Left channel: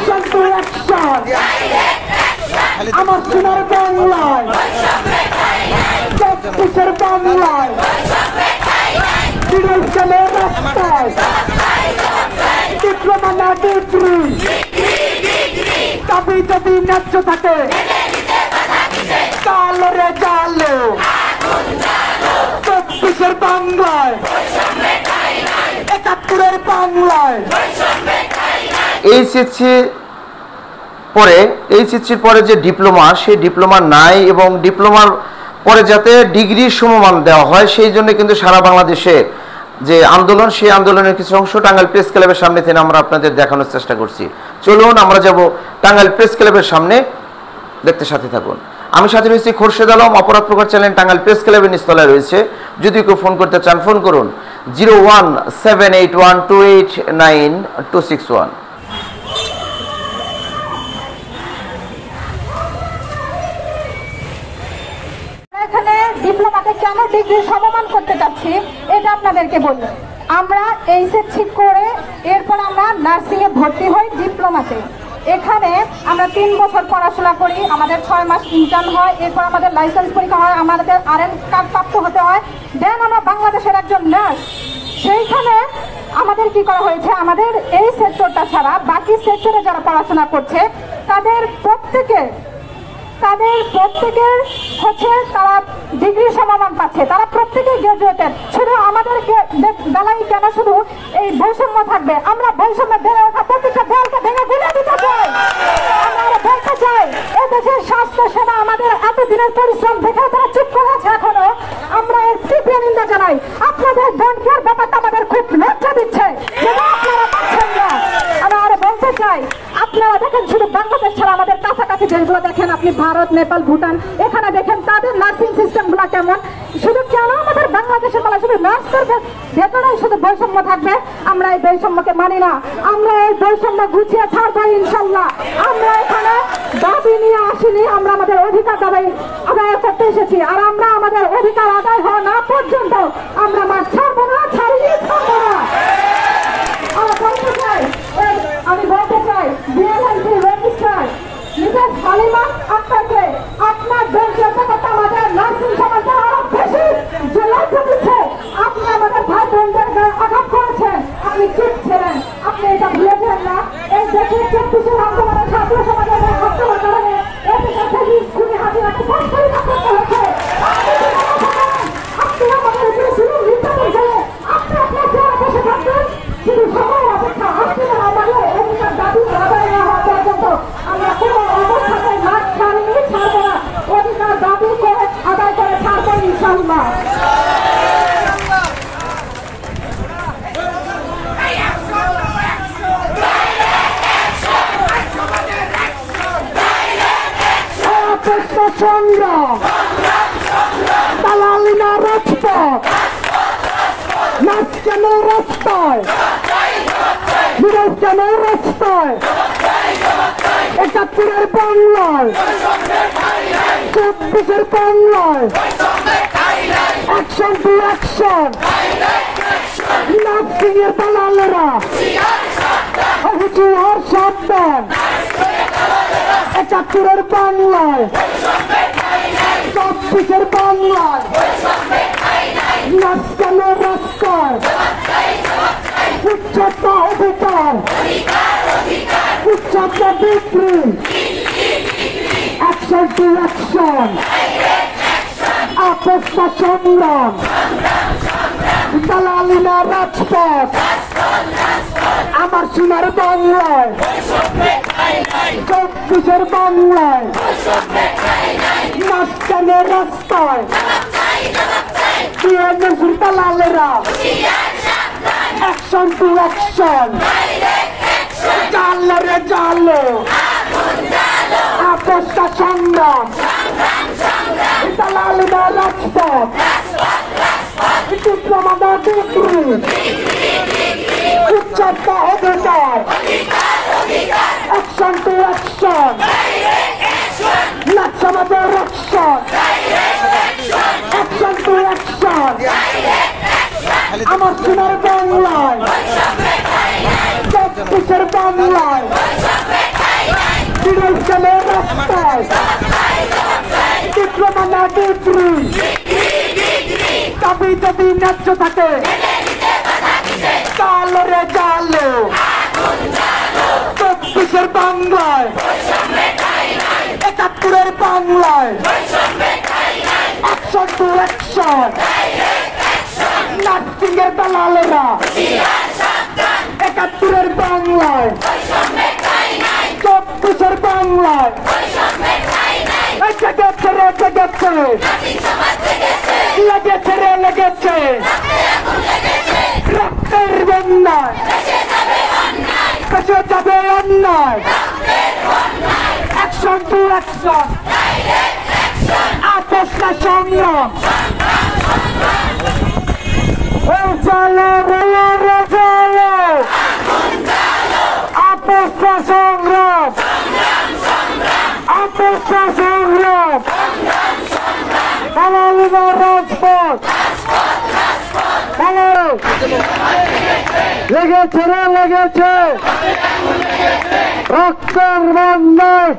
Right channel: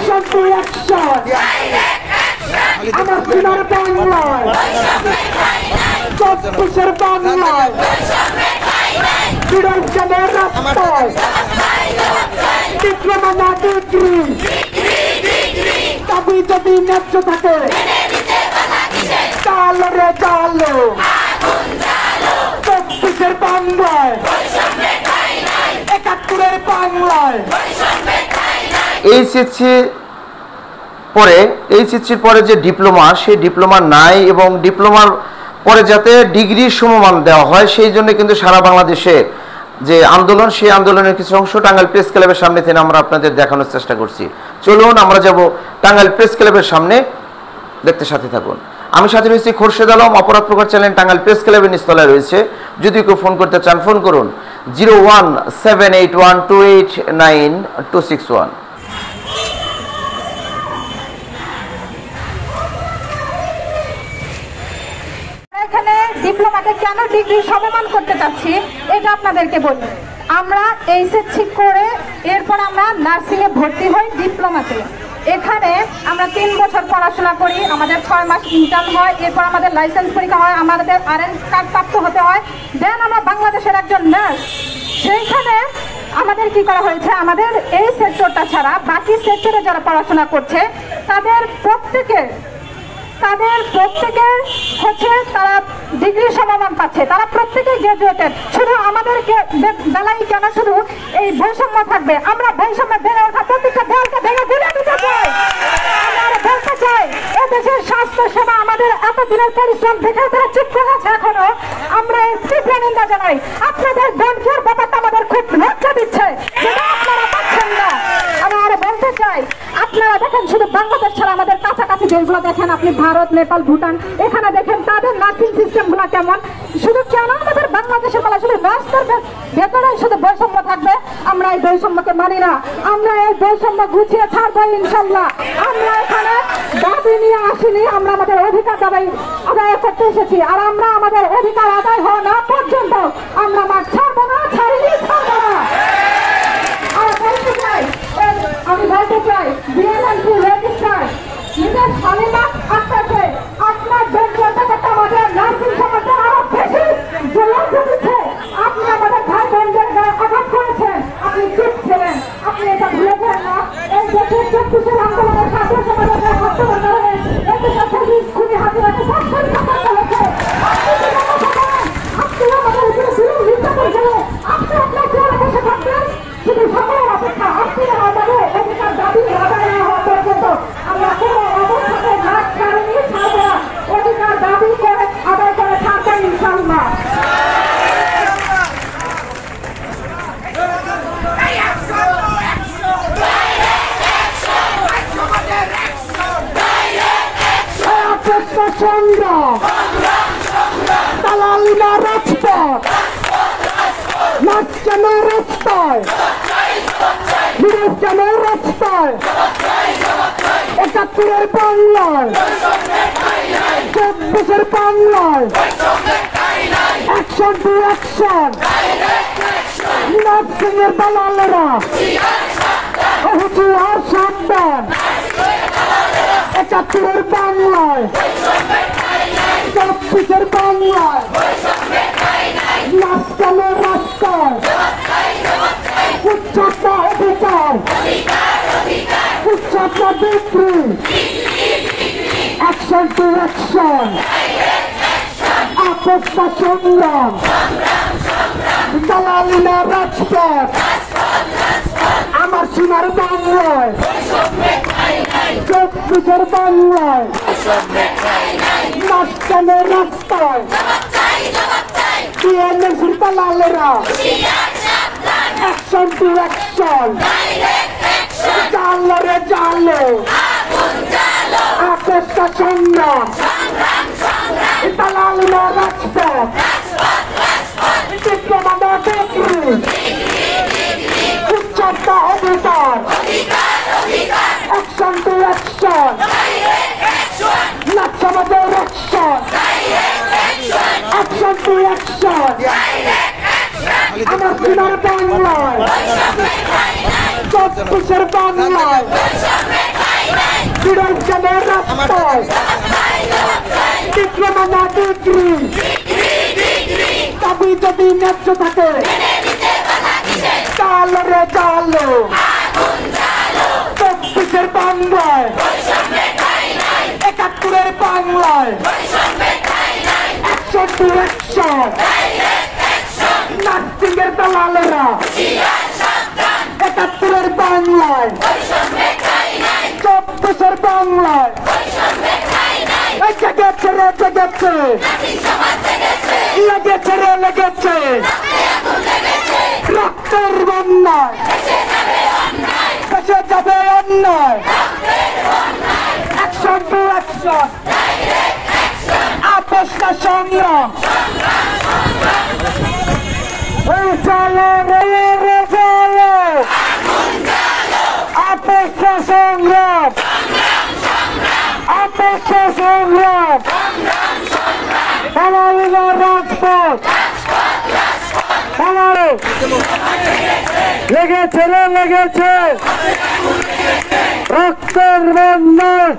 Action to action আমার সোনার বাংলায় 24-এর বাংলায় বিরোধীদের রাস্তায় ডিপ্লোমা না ডিগ্রি দাবি যদি ন্যায্য থাকে চালো রে চালো 24-এর বাংলায় 71-এর বাংলায় এইচএসসির পরে যে ডিপ্লোমা সেই ডিপ্লোমা নাই এবং ডিপ্লোমার পরে যাতে ডিগ্রির সমমান দেওয়া হয় সেই জন্য কিন্তু সারা বাংলাদেশে যে আন্দোলন সেই আন্দোলনের কিছু অংশ টাঙ্গাইল প্রেস ক্লাবের সামনে থেকে আমরা আপনাদের দেখানোর চেষ্টা করছি। চলুন আমরা যাব টাঙ্গাইল প্রেস ক্লাবের সামনে, দেখতে সাথে থাকুন। আমি সাথে রয়েছি খোরশেদ আলম, অপরাধ প্রকার চ্যানেল টাঙ্গাইল প্রেস ক্লাবের নিচতলায় রয়েছে। যদি কেউ ফোন করতে চান ফোন করুন 01781289 এখানে ডিপ্লোমাকে কেন ডিগ্রি সমমান করতে চাচ্ছি এটা আপনাদেরকে বলবো। আমরা এইচএসসি করে এরপর আমরা নার্সিং এ ভর্তি হই ডিপ্লোমাতে। এখানে আমরা 3 বছর পড়াশোনা করি, আমাদের 6 মাস ইন্টার্ন হয়, এরপর আমাদের লাইসেন্স পরীক্ষা হয়, আমাদের আরএন কার্ড প্রাপ্ত হতে হয়, দেন আমরা বাংলাদেশের একজন নার্স। সেইখানে আমাদের কি করা হয়েছে, আমাদের এই সেক্টরটা ছাড়া বাকি সেক্টরে যারা পড়াশোনা করছে তাদের প্রত্যেকের হচ্ছে তারা ডিগ্রি সমমান পাচ্ছে, তারা প্রত্যেকেই গ্রাজুয়েটেড। শুধু আমাদের বেলায় কেন শুধু এই বৈষম্য থাকবে? আমরা বৈষম্য বেড়ে ওঠা প্রত্যেকটা দেয়ালকে ভেঙে গুলে দিতে চাই। আমরা বলতে চাই এ দেশের স্বাস্থ্য সেবা আমাদের এতদিনের পরিশ্রম থেকে তারা চিত্র হয়েছে এখনো। আমরা এর তীব্র নিন্দা জানাই। আপনাদের ব্যাংকের ব্যাপারটা আমাদের খুব লজ্জা দিচ্ছে, আপনারা পাচ্ছেন না। আমরা বলতে চাই আপনারা দেখেন শুধু বাংলাদেশ ছাড়া আমাদের কাছাকাছি দেশগুলো দেখেন, আপনি ভারত, নেপাল, ভুটান, এখানে দেখেন তাদের নার্সিং সিস্টেম গুলা কেমন। শুধু কেন আমাদের বাংলাদেশের বেলা শুধু নার্সদের ভেতরেই শুধু বৈষম্য থাকবে? আমরা এই বৈষম্যকে মানি না, আমরা এই বৈষম্য গুছিয়ে ছাড়বো ইনশাল্লাহ। আমরা এখানে দাবি নিয়ে আসিনি, আমরা আমাদের অধিকার দাবি আদায় করতে এসেছি। আর আমরা আমাদের অধিকার আদায় হওয়া না পর্যন্ত আমরা মাঠ ছাড়বো না, ছাড়িয়ে ছাড়বো না। আমি বলতে চাই বিএলএলপি রেজিস্ট্রার মিসেস হালিমা আক্তারকে আপনার ব্যক্তিগত আমাদের নার্সিং সমাজের আরো বেশি লজ্জা দিচ্ছে। আপনি আমাদের ভাই বোনদের আঘাত করেছেন, আপনি ঠিক ছিলেন, আপনি এটা ভুলে যান না। এই দেশের 24-এর আন্দোলনের ছাত্র সমাজের বক্তব্যের কারণে এদের সাথে খুবই হাতে হাতে সংস্কারিত করতে হচ্ছে। আপনি আমাদের উপরে শুরু হিংসা করেছেন, আপনি আপনার চেয়ারে বসে থাকবেন শুধু সময় অপেক্ষা। আপনি আমাদের অধিকার দাবি আদায় না হওয়া পর্যন্ত আমরা কোনো অবস্থাতে নাক ছাড়িনি, ছাড়বো না। অধিকার দাবি করে আদায় করে ছাড়বেন ইনশাআল্লাহ। সংগ্রাম দালালিনা রাজপথ নাচ কেন রাস্তায়, বিরোধ কেন রাস্তায়, 71-এর বাংলায় 24-এর বাংলায় অ্যাকশন টু অ্যাকশন নার্সিং এর দালালেরা হুঁশিয়ার সাবধান। 71-এর বাংলায় 24-এর বাংলায় নাচ কেন রাস্তায়, উচ্চতা অধিকার, উচ্চতা ডিগ্রি, অ্যাকশন টু অ্যাকশন, আপস্তা সংগ্রাম দালালিনা রাজপথ আমার সোনার বাংলায় 24-এর বাংলায় নাচ কেন রাস্তায়, বিএনপির দালালেরা অ্যাকশন টু অ্যাকশন, জালো রে জালো, আপস্তা সংগ্রাম দালালিনা রাজপথ, ডিপ্লোমা না ডিগ্রি, উচ্চতা অধিকার, অ্যাকশন টু অ্যাকশন, নাচমাদের অ্যাকশন, অ্যাকশন টু অ্যাকশন আমার সোনার বাংলায় চব্বিশের বাংলায় বিরোধীদের রাস্তায় ডিপ্লোমা না ডিগ্রি দাবি যদি ন্যায্য থাকে তাহলে জালো চব্বিশের বাংলায় একাত্তরের বাংলায় অ্যাকশন টু অ্যাকশন নার্সিং এর দালালেরা একাত্তরের বাংলায় চব্বিশের বাংলায় লেগেছে রে লেগেছে লেগেছে রে লেগেছে রক্তের বন্যায় বেঁচে যাবে অন্যায় অ্যাকশন টু অ্যাকশন আপোষ না সংগ্রাম চলো রে চলো আপোষ না সংগ্রাম আপোষ না সংগ্রাম আমাদের রাজপথ লেগেছে রে লেগেছে রক্তের বন্যায়